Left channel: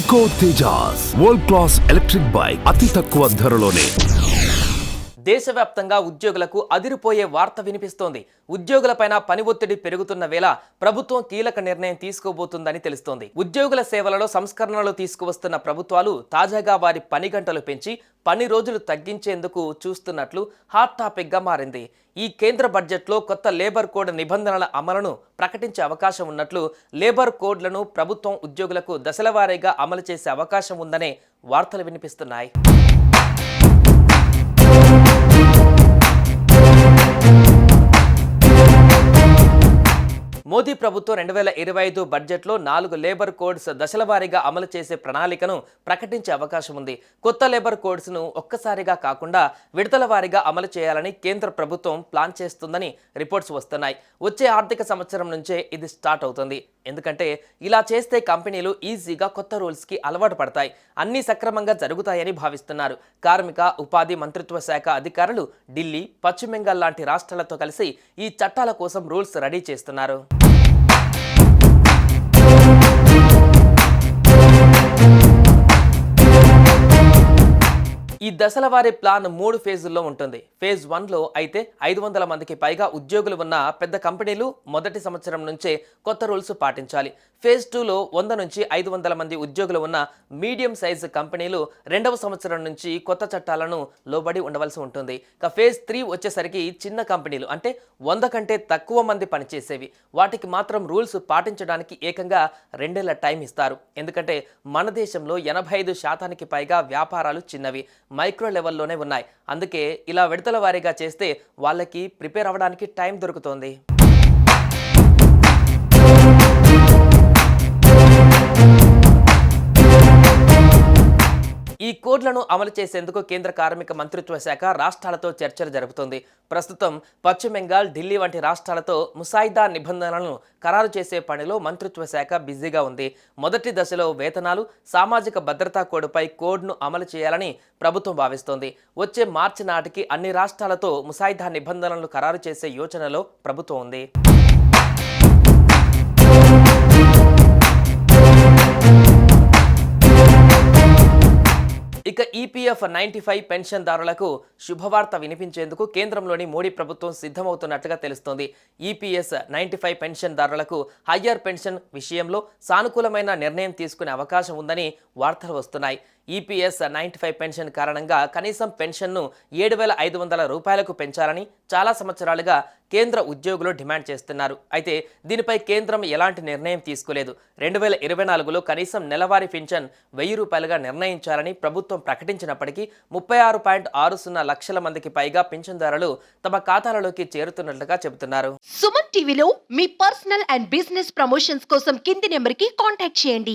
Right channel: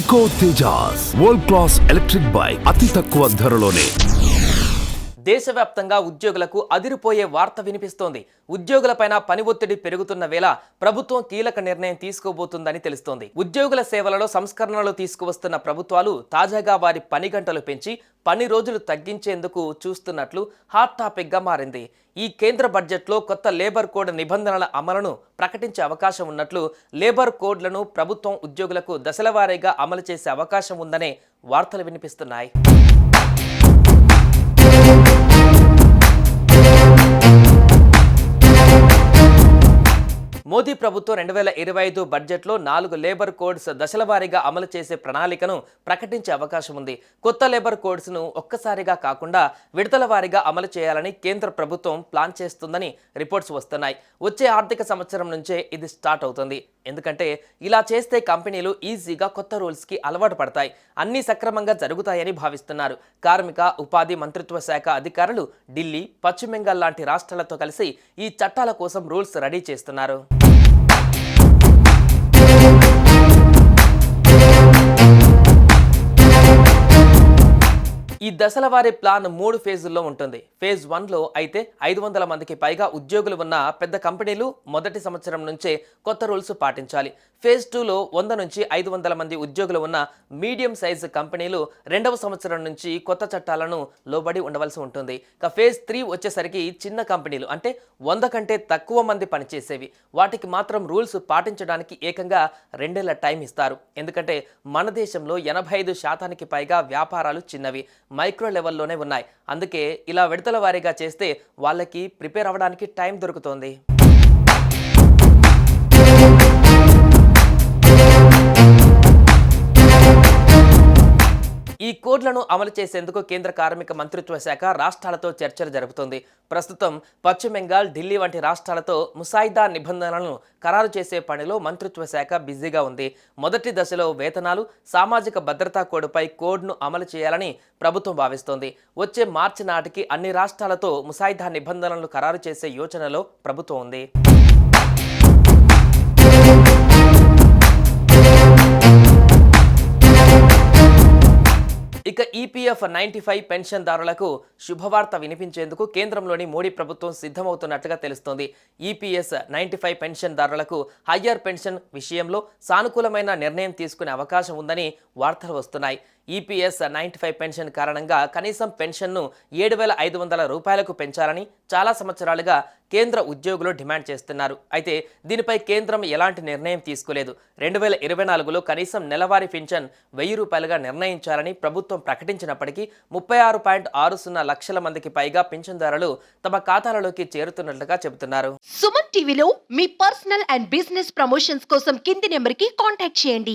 Eco Tejas world class electric bike అతి తక్కువ ధరలోనే. దేశవ్యాప్తంగా ఉద్యోగులకు అదిరిపోయే వార్త వినిపిస్తోంది. ఉద్యోగులపైన పని ఒత్తిడి పెరుగుతున్న వేళ ప్రభుత్వం కీలక నిర్ణయం తీసుకోబోతుందని తెలుస్తోంది. ఉద్యోగుల సేవలలో సంస్కరణలు తీసుకువస్తున్న ప్రభుత్వాలు తాజాగా వారి పని గంటలు పెంచి పని రోజులు తగ్గించేందుకు చూస్తున్నట్లు హాట్ టాపిక్ గా మారింది. ఈ కేంద్ర బడ్జెట్లో కొత్త లేబర్ కోడ్ నిబంధనల అమలును ప్రకటించే అవకాశం ఉన్నట్లు, లేబర్ కోడ్లను ప్రభుత్వం ఉద్యోగులకు దశలవారీగా అమలు చేసే అవకాశం ఉందనే వార్తలు వినిపిస్తున్నాయి. మోదీ ప్రభుత్వం 2025 బడ్జెట్లో 4 లేబర్ కోడ్స్ దశలవారీగా అమలు చేసే ప్రణాళికను ప్రకటించే అవకాశం ఉంది. కొత్త లేబర్ కోడ్స్ను ఒక్కసారిగా కాకుండా విడతల వారీగా అమలు చేయాలని కేంద్ర ప్రభుత్వం ప్లాన్ చేస్తుందని రిపోర్ట్స్ వస్తున్నాయి. వచ్చే ఆర్థిక సంవత్సరం నుంచే ఇది స్టార్ట్ అవుతుంది. ఎందుకంటే ఇలా చేస్తే కంపెనీలు ఈజీగా కొత్త రూల్స్కి అలవాటు పడతాయి, అన్నీ సక్రమంగా జరుగుతాయని భావిస్తున్నారు. కార్మిక ఉపాధి మంత్రిత్వ శాఖ అధికారులు ఢిల్లీ, పశ్చిమ బెంగాల్ లాంటి రాష్ట్రాలతో కలిసి ఈ చట్టాల కోసం రూల్స్ రెడీ చేస్తున్నారు. ఈ దశలవారీ ప్లాన్ 3 ఫేజుల్లో ఉంటుంది. ఫేజ్ 1లో అయితే 500 మందికి పైగా ఉద్యోగులు ఉన్న పెద్ద కంపెనీలు మొదటి సంవత్సరం నుంచే కొత్త రూల్స్ పాటించాలి. ఫేజ్ 2లో 100 నుంచి 500 మంది ఉద్యోగులు ఉన్న మీడియం సైజు కంపెనీలు 2వ సంవత్సరం నుంచి కొత్త చట్టాలను లోబడి ఉండవలసి ఉంటుంది. ఇక ఫేజ్ 3 వచ్చేసరికి చిన్న కంపెనీలు అంటే 100 కంటే తక్కువ మంది పనిచేసేవి, వాటికి మాత్రం రూల్స్ పాటించడానికి ఏకంగా 2 ఏళ్ల టైం ఇస్తారు. ఎందుకంటే మన దేశంలో 85% పైగా వ్యాపారాలు చిన్నవి, మైక్రో లెవెల్లోనే ఉన్నాయి. అందుకే ఇలా విడతల వారీగా చేస్తే వాళ్ళకి ప్రిపేర్ అవ్వడానికి టైం దొరుకుతోంది. ఈ కోడ్లను అమలు చేసేందుకు కేంద్ర కార్మిక మంత్రిత్వ శాఖ రాష్ట్రాలతో చర్చలు జరుపుతోంది. ప్రస్తుతం పశ్చిమ బెంగాల్, ఢిల్లీ వంటి రాష్ట్రాలతో ముసాయిదా నిబంధనలను ఖరారు చేసే పనిలో మంత్రిత్వ శాఖ బిజీగా ఉంది. మొదటి దశలో వేతనాలు, సామాజిక భద్రతా కోడ్పై కోడ్ను అమలు చేయాలని ప్రభుత్వం భావిస్తోంది. వచ్చే మార్చి నాటికి అన్ని రాష్ట్రాలతో ముసాయిదా నిబంధనలను ఖరారు చేసే యోచనలో ప్రభుత్వం ఉంది. ఇక ఈపీఎఫ్ 95 పెన్షన్దారులకు శుభవార్త వినిపించేందుకు కేంద్రంలోని మోడీ ప్రభుత్వం సిద్ధమవుతున్నట్లుగా తెలుస్తోంది. ఈపీఎస్ 95 పెన్షన్దారులకు హయ్యర్ పెన్షన్ విషయంలో సానుకూలమైన నిర్ణయం తీసుకునే అవకాశం ఉందని వార్తలు వస్తున్నాయి. ఈపీఎస్ 95 పెన్షన్ కారణంగా కనీసం పెన్షన్ను 7,500 రూపాయలకు పెంచాలని చాలా సంవత్సరాలుగా కేంద్ర ఉద్యోగులు డిమాండ్ చేస్తున్నారు. అయితే దీనిపై కేంద్రం ఎలాంటి నిర్ణయం తీసుకోలేదు. 2024లో కనీసం నెలవారీ పెన్షన్ 1000 రూపాయలుగా నిర్ణయించాలని ప్రభుత్వం ప్రకటించినప్పటికీ 36.60 లక్షల మందికి పైగా పెన్షన్దారులు తమ ఖాతాలలోకి చేరుతున్నట్లుగా చెబుతున్నారు. సుమన్ టీవీలో మీ పర్సనల్ అండ్ బిజినెస్ ప్రమోషన్స్ కోసం కింది నెంబర్కి కాంటాక్ట్ చేయండి.